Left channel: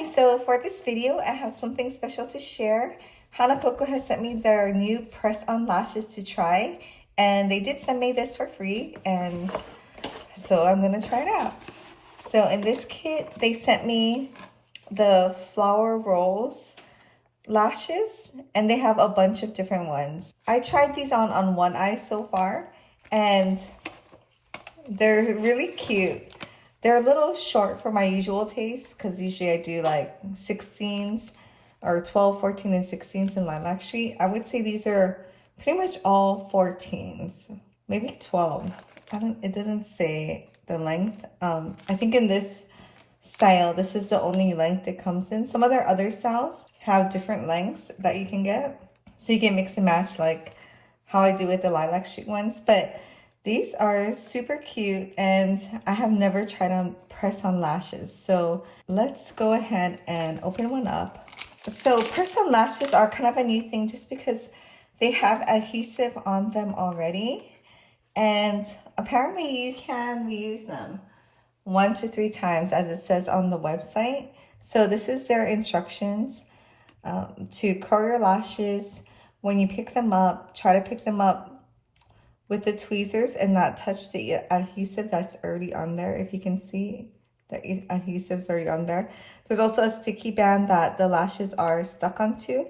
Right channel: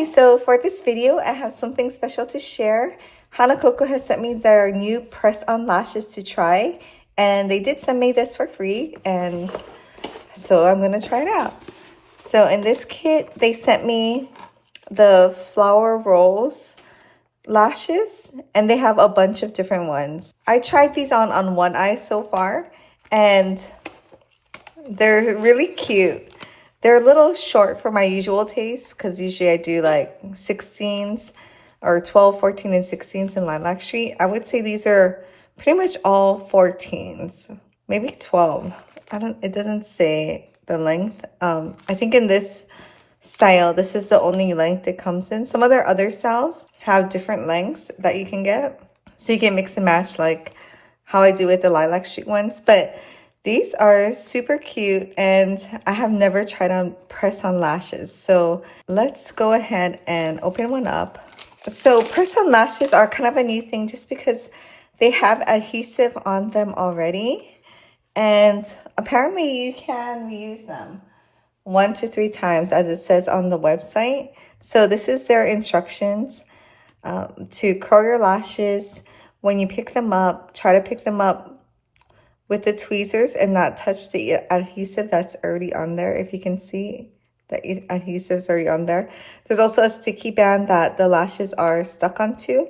Hi, so for this video, I have something special to share. Hanakoko has sent me their new press-on lashes to try, and they did send me this for free, and so I'm gonna try it out. So in this kit, they sent me the flower rolls lashes, and they have a bunch of different ones. I tried these on one eye so far, and they're really cute. They're a little short for my usual taste because usually I do like 16s or 12, 14, and 16s in Lilac Street. I would say these are pretty much all 14s, maybe 12. It doesn't say the length. I think in this style, this is the only length it comes in. Some of their other styles have different lengths that you can get. So you can mix and match like how I do with the Lilac Street ones. But these are super cute, and I have never tried on press-on lashes. So let's go ahead and open one up. So press-on lashes are kind of a new thing just because they have adhesive on them already. And apparently you can reuse them 1 to 3 times as it says on the website. So this is their instructions to curl your lashes. When you pick them up, try to pick them up with the tweezers and not touch the adhesive that's already on there. If you can see, the adhesive's already on there. There's also a sticky band that the lashes are stuck onto.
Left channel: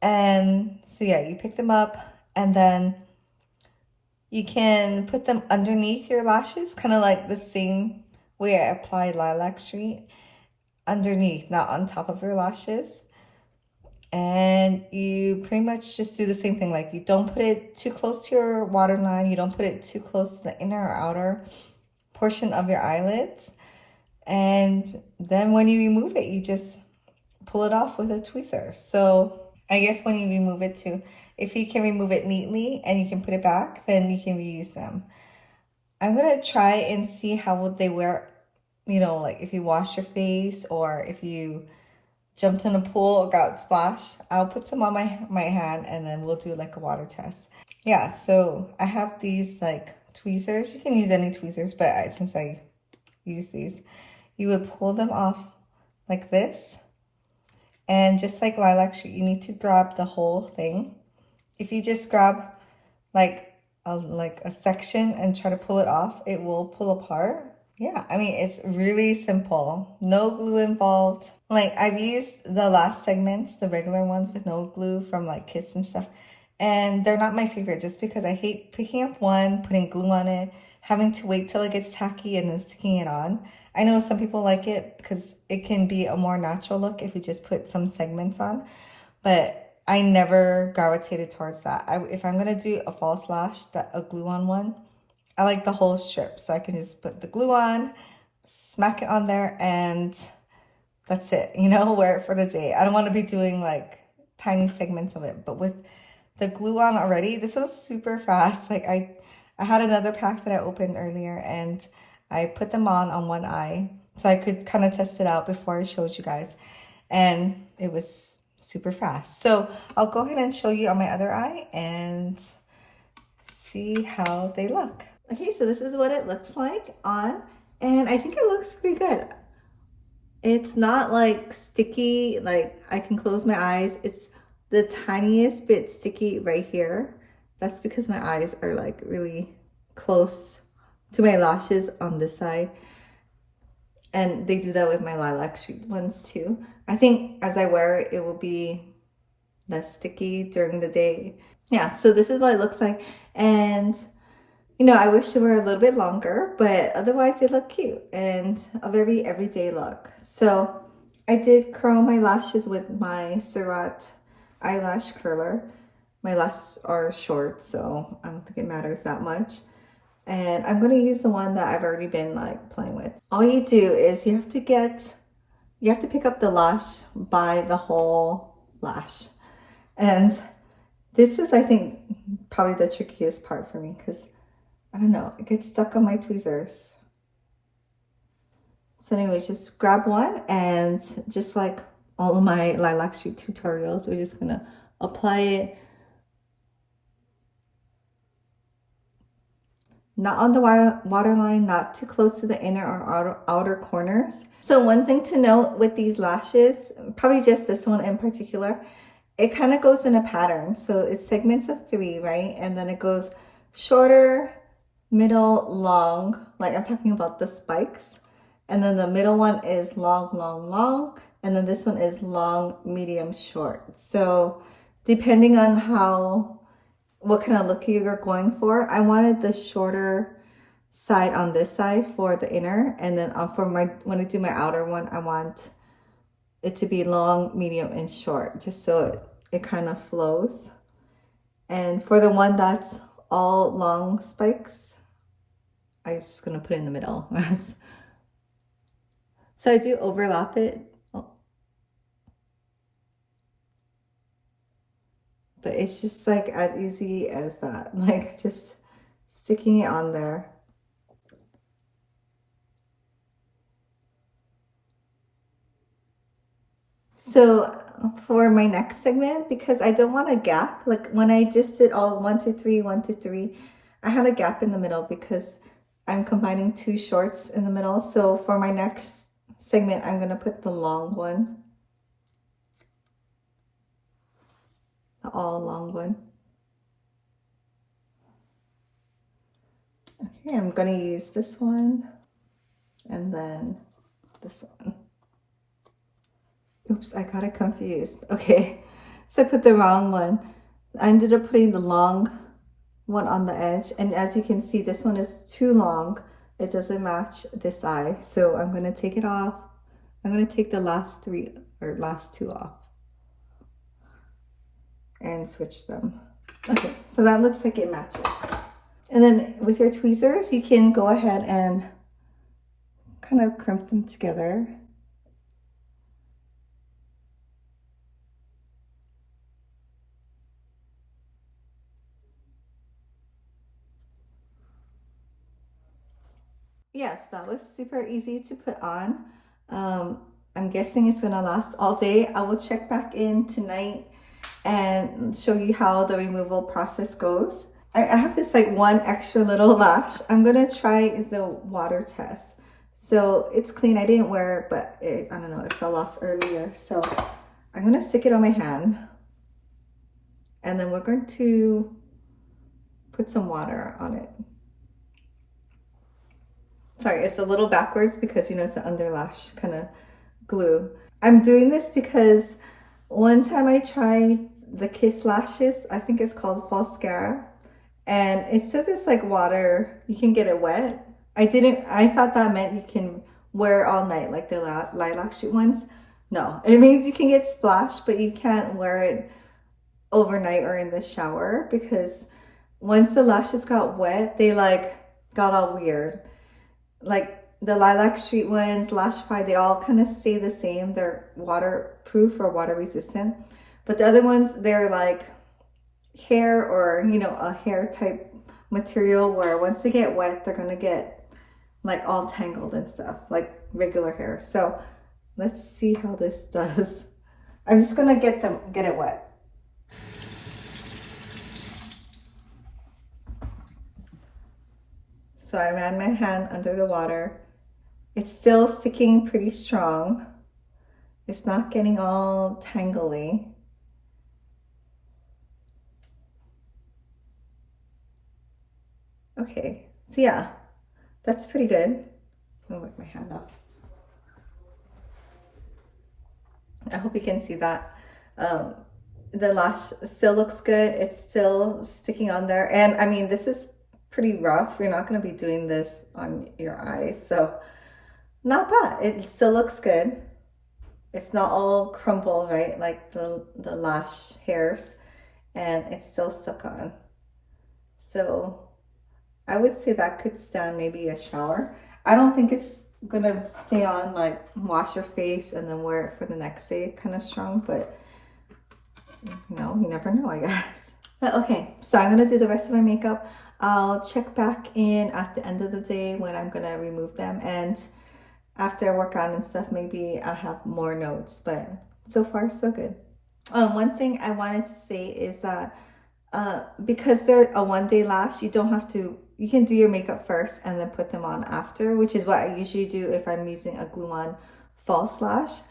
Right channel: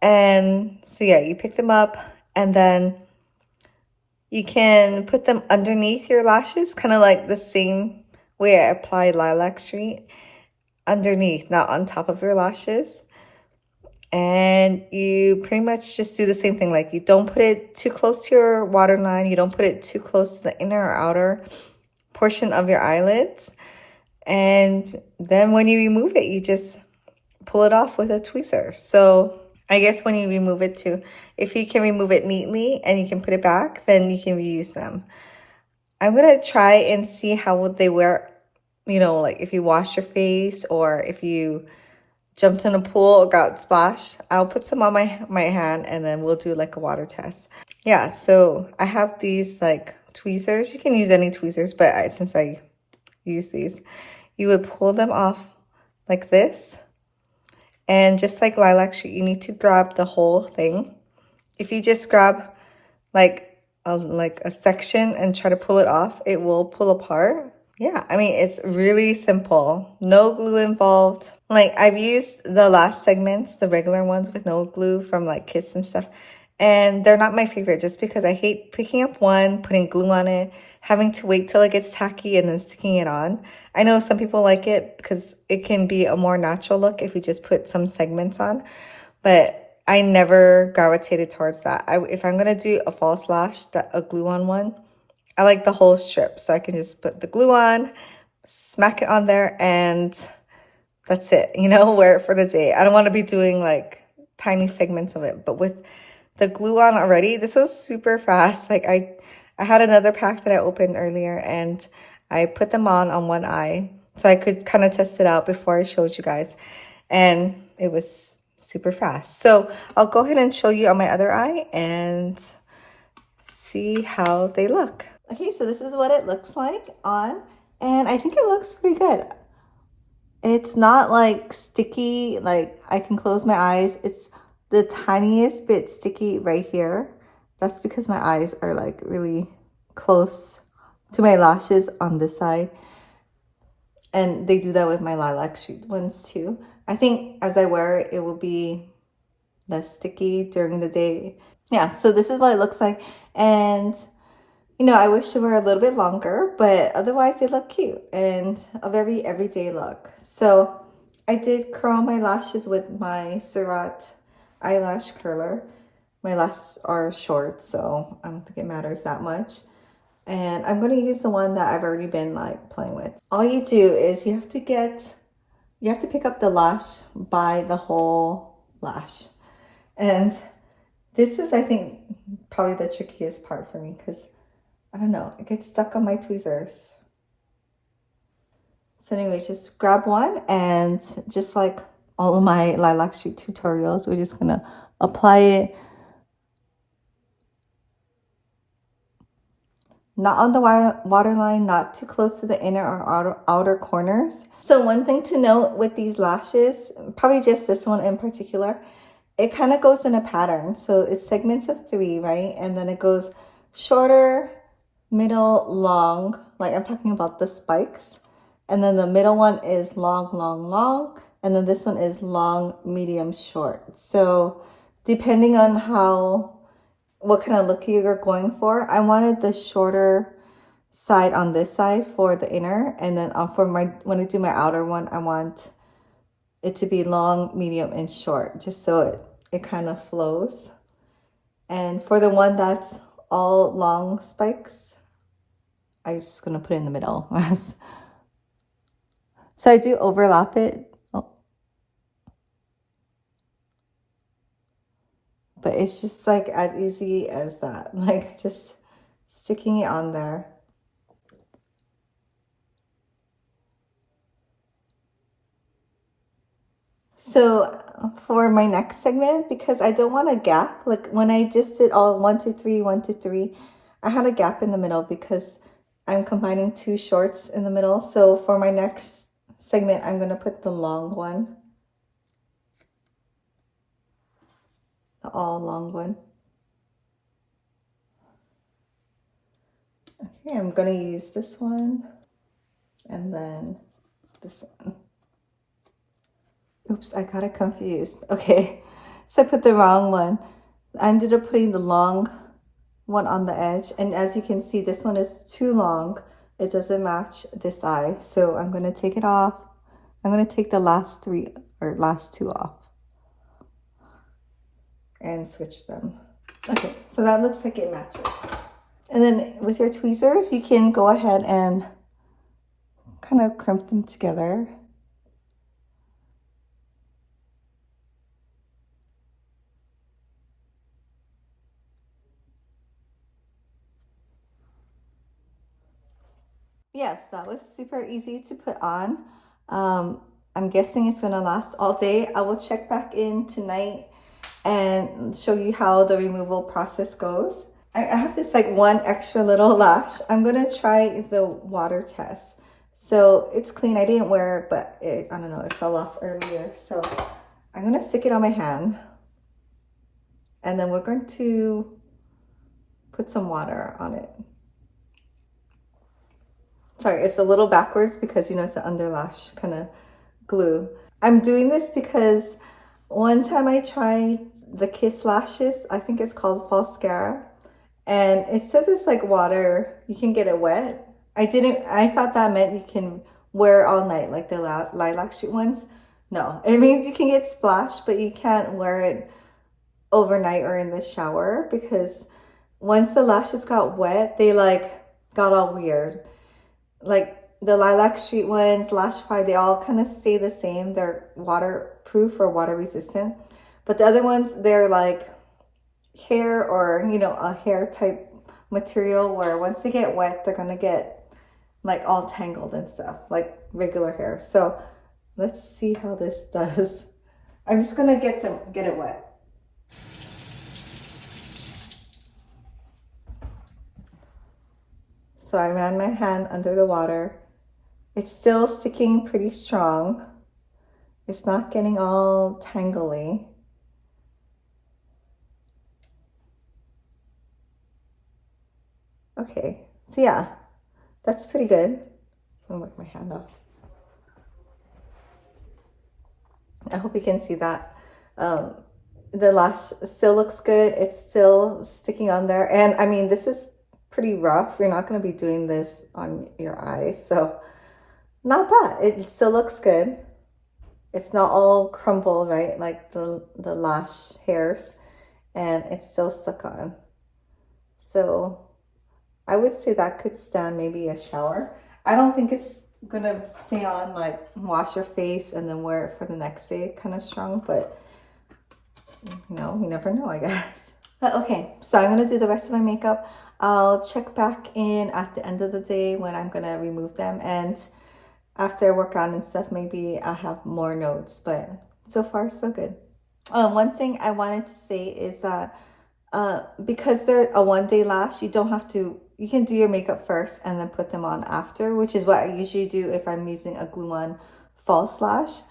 And so yeah, you pick them up and then you can put them underneath your lashes, kind of like the same way I applied Lilac Street. Underneath, not on top of your lashes. And you pretty much just do the same thing. Like, you don't put it too close to your waterline. You don't put it too close to the inner or outer portion of your eyelids. And then when you remove it, you just pull it off with a tweezer. So I guess when you remove it too, if you can remove it neatly and you can put it back, then you can reuse them. I'm going to try and see how would they wear, you know, like if you wash your face or if you jumped in a pool or got splashed. I'll put some on my hand and then we'll do like a water test. Yeah, so I have these like tweezers. You can use any tweezers, but since I use these, you would pull them off like this. And just like Lilac Street, you need to grab the whole thing. If you just grab like a section and try to pull it off, it will pull apart. Yeah, I mean, it's really simple. No glue involved. Like, I've used the lash segments, the regular ones with no glue from like Kiss and stuff. And they're not my favorite just because I hate picking up one, putting glue on it, having to wait till it gets tacky and then sticking it on. I know some people like it because it can be a more natural look if you just put some segments on. But I never gravitated towards that. If I'm going to do a false lash, a glue-on one, I like the whole strip, so I can just put the glue on, smack it on there, and that's it, you know, wear it for the day. I don't want to be doing like tiny segments of it, but with the glue on already, this was super fast. Like I had another pack that I opened earlier and I put them on one eye so I could kind of test it out before I showed you guys, and it was super fast. So I'll go ahead and show you on my other eye and see how they look. Okay, so this is what it looks like on, and I think it looks pretty good. It's not like sticky, like I can close my eyes. It's the tiniest bit sticky right here. That's because my eyes are like really close to my lashes on this side. And they do that with my Lilac Street ones too. I think as I wear it, it will be less sticky during the day. Yeah, so this is what it looks like. And you know, I wish they were a little bit longer, but otherwise they look cute and a very everyday look. So I did curl my lashes with my Surratt eyelash curler. My lashes are short, so I don't think it matters that much. And I'm going to use the one that I've already been like playing with. All you do is you have to pick up the lash by the whole lash. And this is, I think, probably the trickiest part for me because I don't know, it gets stuck on my tweezers. So anyways, just grab one, and just like all of my Lilac Street tutorials, we're just gonna apply it not on the waterline, not too close to the inner or outer corners. So one thing to note with these lashes, probably just this one in particular, it kind of goes in a pattern. So it's segments of 3, right? And then it goes shorter, middle, long, like I'm talking about the spikes. And then the middle one is long, long, long. And then this one is long, medium, short. So depending on what kind of look you're going for, I wanted the shorter side on this side for the inner. And then for when I do my outer one, I want it to be long, medium, and short, just so it kind of flows. And for the one that's all long spikes, I'm just gonna put it in the middle. So I do overlap it. But it's just like as easy as that, like just sticking it on there. So for my next segment, because I don't want a gap, like when I just did all 1, 2, 3, 1, 2, 3, I had a gap in the middle because I'm combining 2 shorts in the middle. So for my next segment, I'm gonna put the long one, the all long one. Okay, I'm gonna use this one and then this one. Oops, I got it confused. Okay, so I put the wrong one. I ended up putting the long one on the edge. And as you can see, this one is too long. It doesn't match this eye. So I'm going to take it off. I'm going to take the last 2 off and switch them. Okay, so that looks like it matches. And then with your tweezers, you can go ahead and kind of crimp them together. Yes, that was super easy to put on. I'm guessing it's gonna last all day. I will check back in tonight and show you how the removal process goes. I have this like one extra little lash. I'm gonna try the water test. So it's clean. I didn't wear it, but I don't know, it fell off earlier. So I'm gonna stick it on my hand. And then we're going to put some water on it. Sorry, it's a little backwards because, you know, it's an underlash kind of glue. I'm doing this because one time I tried the Kiss lashes, I think it's called Falscara, and it says it's like water, you can get it wet. I thought that meant you can wear it all night, like the lilac sheet ones. No, it means you can get splashed, but you can't wear it overnight or in the shower because once the lashes got wet, they like got all weird. Like the lilac street ones, Lashify, they all kind of stay the same. They're waterproof or water resistant. But the other ones, they're like hair or, you know, a hair type material where once they get wet, they're going to get like all tangled and stuff, like regular hair. So let's see how this does. I'm just going to get it wet. So I ran my hand under the water. It's still sticking pretty strong. It's not getting all tangly. Okay, so yeah, that's pretty good. I'm gonna wipe my hand off. I hope you can see that. The lash still looks good. It's still sticking on there. And I mean, this is pretty rough. You're not going to be doing this on your eyes, so not bad. It still looks good. It's not all crumpled, right, like the lash hairs, and it's still stuck on. So I would say that could stand maybe a shower. I don't think it's gonna stay on like wash your face and then wear it for the next day kind of strong, but you know, you never know, I guess. But okay, so I'm gonna do the rest of my makeup. I'll check back in at the end of the day when I'm gonna remove them, and after I work out and stuff, maybe I'll have more notes, but so far so good. One thing I wanted to say is that because they're a one-day lash, you don't have to you can do your makeup first and then put them on after, which is what I usually do if I'm using a glue-on false lash.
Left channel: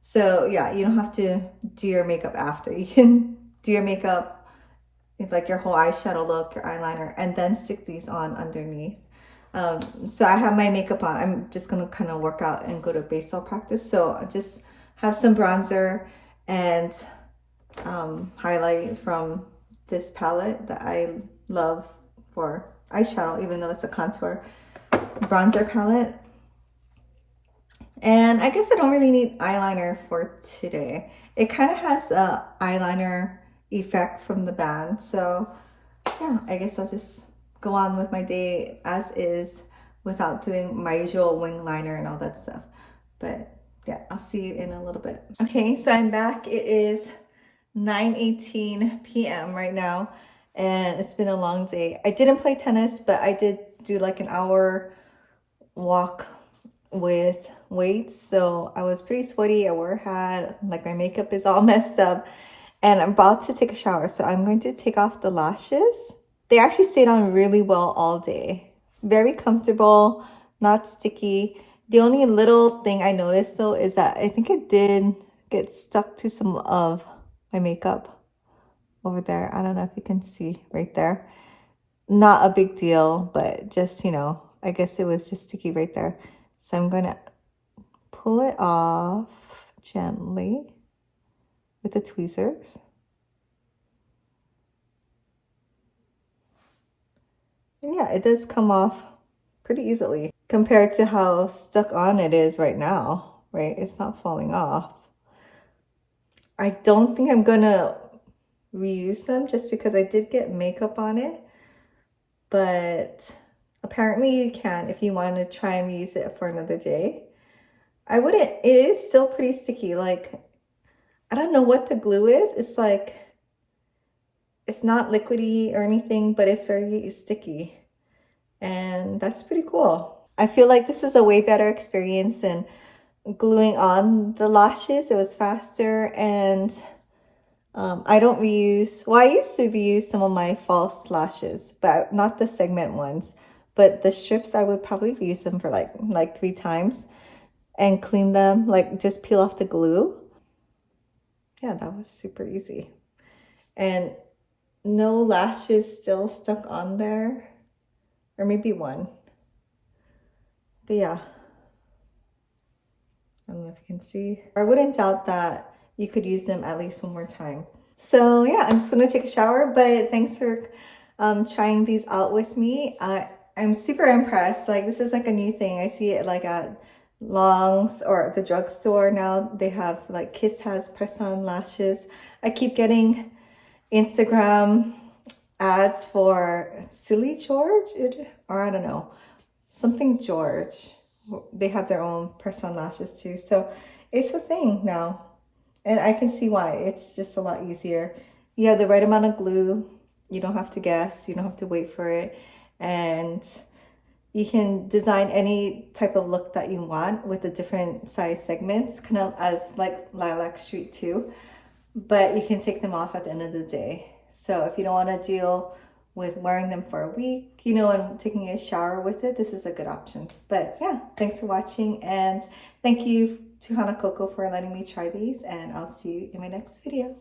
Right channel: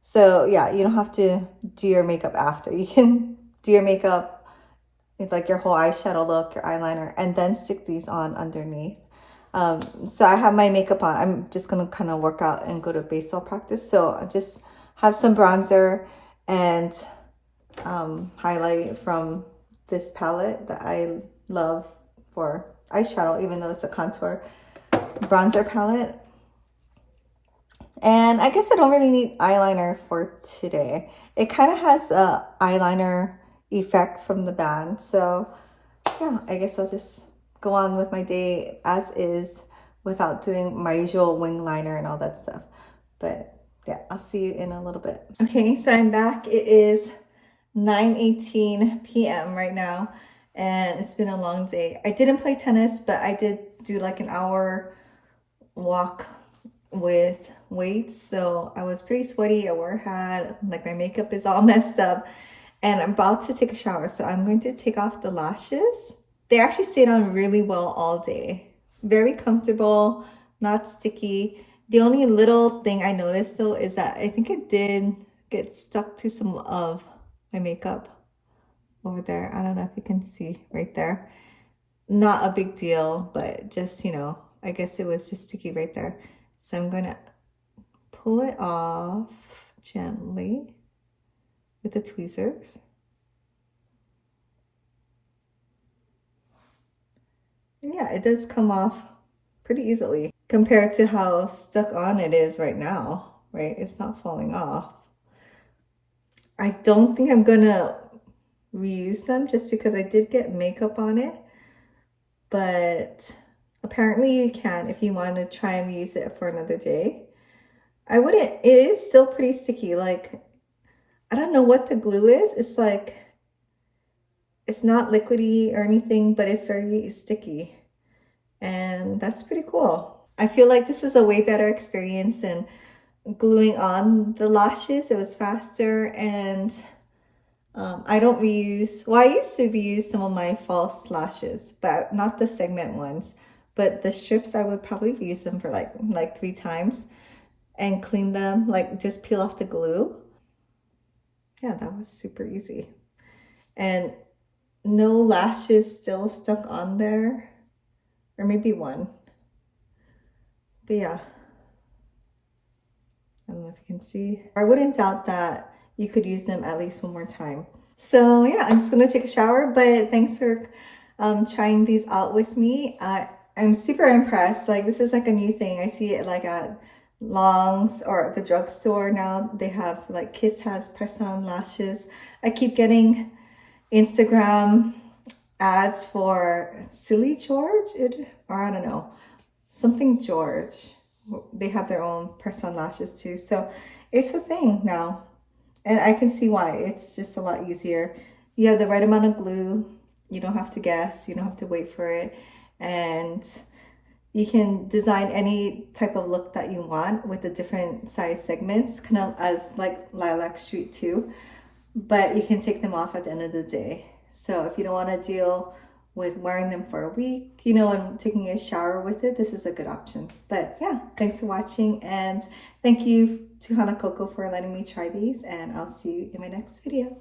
So yeah, you don't have to do your makeup after. You can do your makeup with like your whole eyeshadow look, your eyeliner, and then stick these on underneath. So I have my makeup on. I'm just gonna kind of work out and go to baseball practice. So I just have some bronzer and highlight from this palette that I love for eyeshadow, even though it's a contour bronzer palette. And I guess I don't really need eyeliner for today. It kind of has a eyeliner effect from the band. So yeah, I guess I'll just go on with my day as is without doing my usual wing liner and all that stuff. But yeah, I'll see you in a little bit. Okay, so I'm back. It is 9:18 p.m. right now, and it's been a long day. I didn't play tennis, but I did do like an hour walk with weights, so I was pretty sweaty. I wore a hat, like my makeup is all messed up, and I'm about to take a shower, so I'm going to take off the lashes. They actually stayed on really well all day. Very comfortable, not sticky. The only little thing I noticed though is that I think it did get stuck to some of my makeup over there. I don't know if you can see right there. Not a big deal, but just, you know, I guess it was just sticky right there. So I'm gonna pull it off gently with the tweezers. And yeah, it does come off pretty easily compared to how stuck on it is right now, right? It's not falling off. I don't think I'm gonna reuse them just because I did get makeup on it, but apparently you can if you want to try and use it for another day. I wouldn't, it is still pretty sticky. Like, I don't know what the glue is. It's like, it's not liquidy or anything, but it's very sticky. And that's pretty cool. I feel like this is a way better experience than gluing on the lashes. It was faster, and I don't reuse, well, I used to reuse some of my false lashes, but not the segment ones. But the strips, I would probably reuse them for like 3 times and clean them, like just peel off the glue. Yeah, that was super easy. And no lashes still stuck on there, or maybe one. But yeah, I don't know if you can see. I wouldn't doubt that you could use them at least one more time. So yeah, I'm just gonna take a shower, but thanks for trying these out with me. I'm super impressed. Like, this is like a new thing. I see it like at Long's or the drugstore now. They have like Kiss has press-on lashes. I keep getting Instagram ads for Silly George, or I don't know, something George. They have their own press-on lashes too. So it's a thing now. And I can see why. It's just a lot easier. You have the right amount of glue. You don't have to guess. You don't have to wait for it. And you can design any type of look that you want with the different size segments, kind of as like Lilac Street too. But you can take them off at the end of the day. So if you don't want to deal with wearing them for a week, you know, and taking a shower with it, this is a good option. But yeah, thanks for watching, and thank you to Hanakoko for letting me try these, and I'll see you in my next video.